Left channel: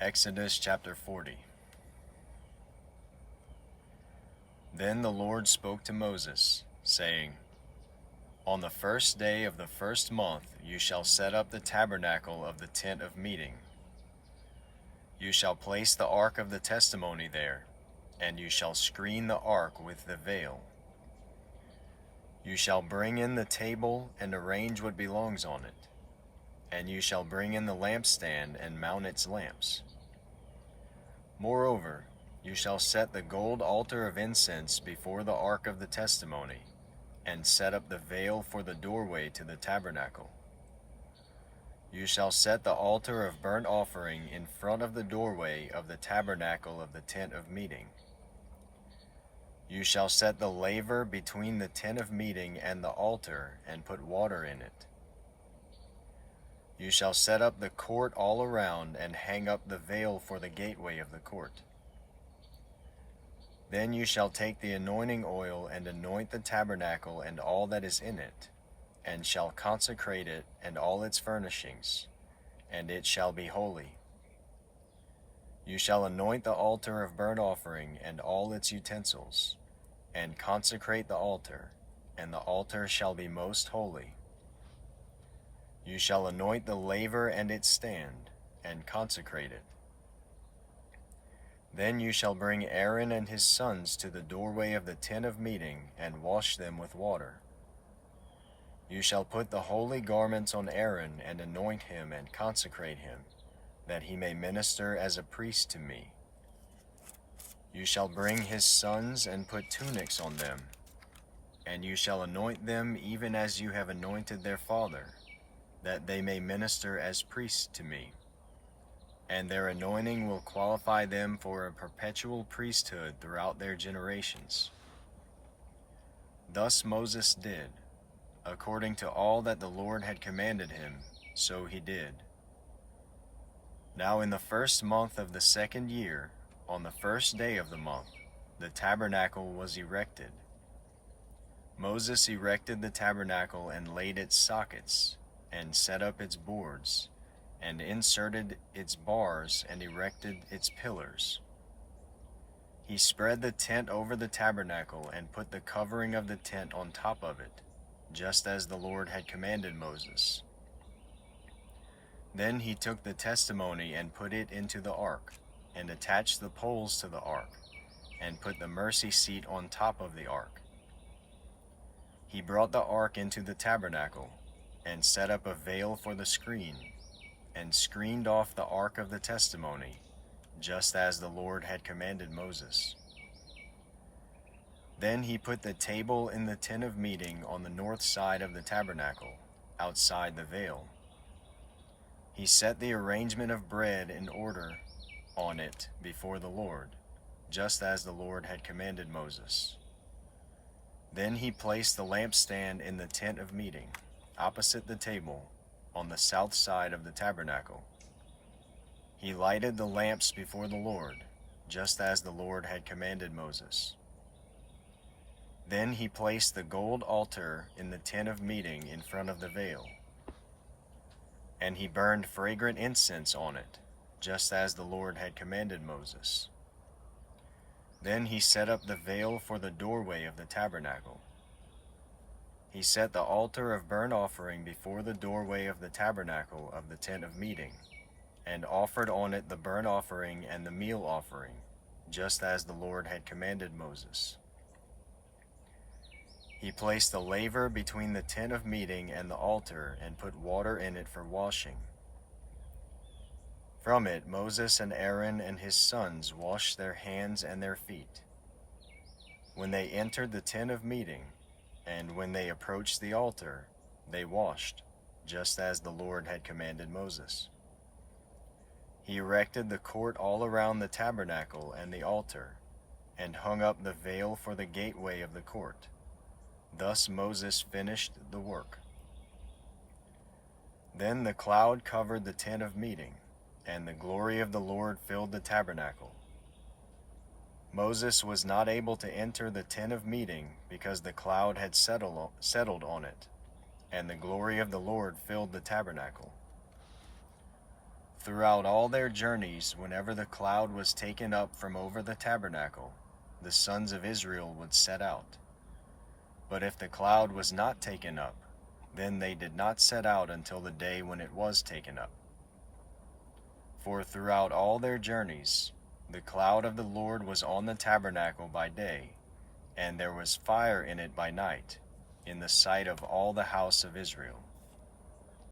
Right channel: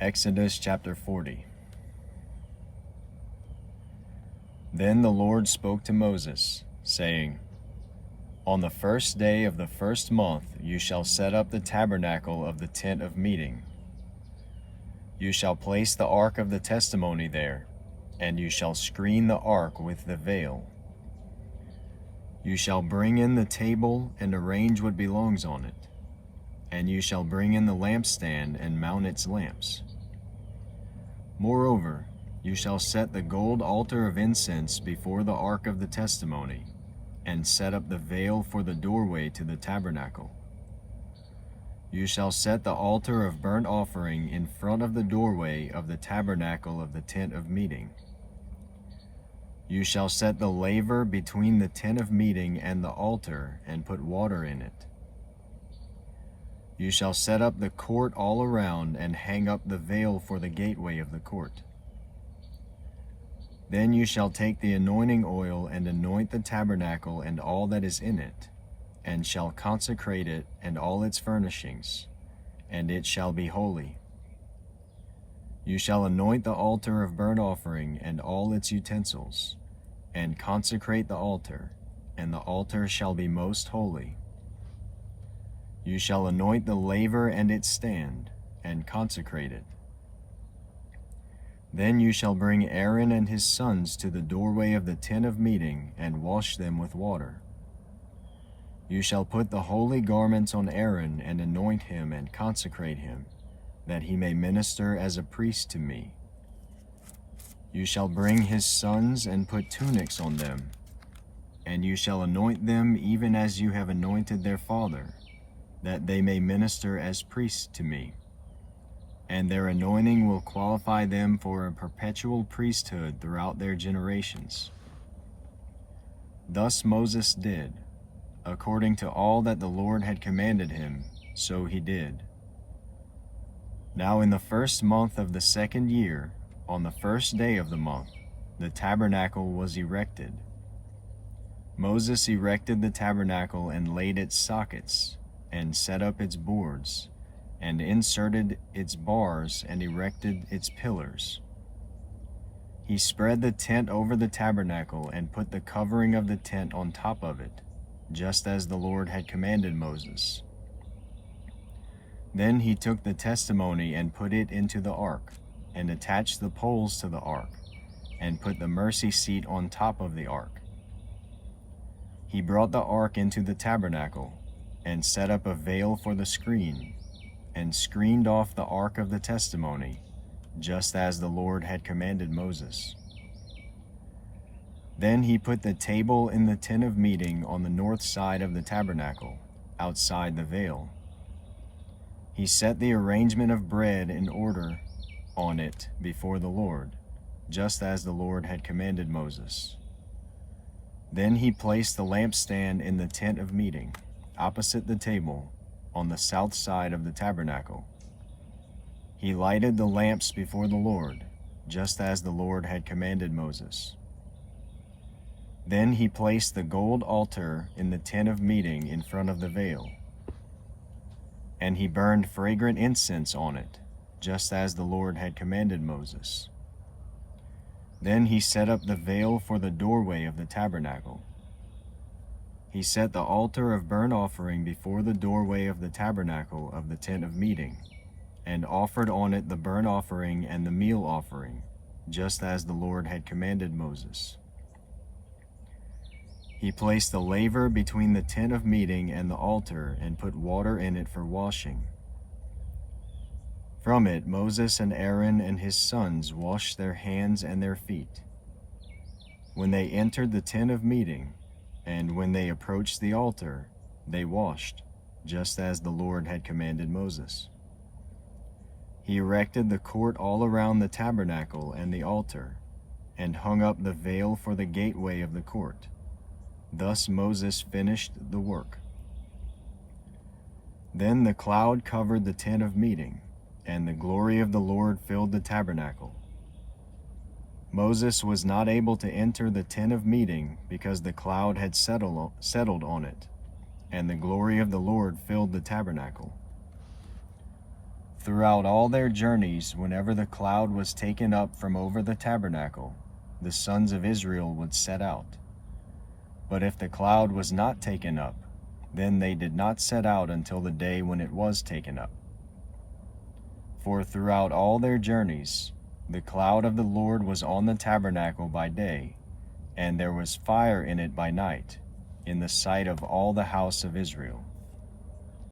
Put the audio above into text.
Exodus chapter 40. Then the Lord spoke to Moses, saying, On the first day of the first month you shall set up the tabernacle of the tent of meeting. You shall place the ark of the testimony there, and you shall screen the ark with the veil. You shall bring in the table and arrange what belongs on it, and you shall bring in the lampstand and mount its lamps. Moreover, you shall set the gold altar of incense before the ark of the testimony, and set up the veil for the doorway to the tabernacle. You shall set the altar of burnt offering in front of the doorway of the tabernacle of the tent of meeting. You shall set the laver between the tent of meeting and the altar, and put water in it. You shall set up the court all around, and hang up the veil for the gateway of the court. Then you shall take the anointing oil and anoint the tabernacle and all that is in it, and shall consecrate it and all its furnishings, and it shall be holy. You shall anoint the altar of burnt offering and all its utensils, and consecrate the altar, and the altar shall be most holy. You shall anoint the laver and its stand, and consecrate it. Then you shall bring Aaron and his sons to the doorway of the tent of meeting, and wash them with water. You shall put the holy garments on Aaron, and anoint him and consecrate him, that he may minister as a priest to me. You shall bring his sons and put tunics on them, and you shall anoint them even as you have anointed their father, that they may minister as priests to me. And their anointing will qualify them for a perpetual priesthood throughout their generations. Thus Moses did, according to all that the Lord had commanded him, so he did. Now in the first month of the second year, on the first day of the month, the tabernacle was erected. Moses erected the tabernacle and laid its sockets, and set up its boards, and inserted its bars, and erected its pillars. He spread the tent over the tabernacle, and put the covering of the tent on top of it, just as the Lord had commanded Moses. Then he took the testimony and put it into the ark, and attached the poles to the ark, and put the mercy seat on top of the ark. He brought the ark into the tabernacle, and set up a veil for the screen, and screened off the ark of the testimony, just as the Lord had commanded Moses. Then he put the table in the tent of meeting on the north side of the tabernacle, outside the veil. He set the arrangement of bread in order on it before the Lord, just as the Lord had commanded Moses. Then he placed the lampstand in the tent of meeting, opposite the table, on the south side of the tabernacle. He lighted the lamps before the Lord, just as the Lord had commanded Moses. Then he placed the gold altar in the tent of meeting in front of the veil, and he burned fragrant incense on it, just as the Lord had commanded Moses. Then he set up the veil for the doorway of the tabernacle. He set the altar of burnt offering before the doorway of the tabernacle of the tent of meeting, and offered on it the burnt offering and the meal offering, just as the Lord had commanded Moses. He placed the laver between the tent of meeting and the altar, and put water in it for washing. From it Moses and Aaron and his sons washed their hands and their feet. When they entered the tent of meeting, and when they approached the altar, they washed, just as the Lord had commanded Moses. He erected the court all around the tabernacle and the altar, and hung up the veil for the gateway of the court. Thus Moses finished the work. Then the cloud covered the tent of meeting, and the glory of the Lord filled the tabernacle. Moses was not able to enter the tent of meeting because the cloud had settled on it, and the glory of the Lord filled the tabernacle. Throughout all their journeys, whenever the cloud was taken up from over the tabernacle, the sons of Israel would set out. But if the cloud was not taken up, then they did not set out until the day when it was taken up. For throughout all their journeys, the cloud of the Lord was on the tabernacle by day, and there was fire in it by night, in the sight of all the house of Israel.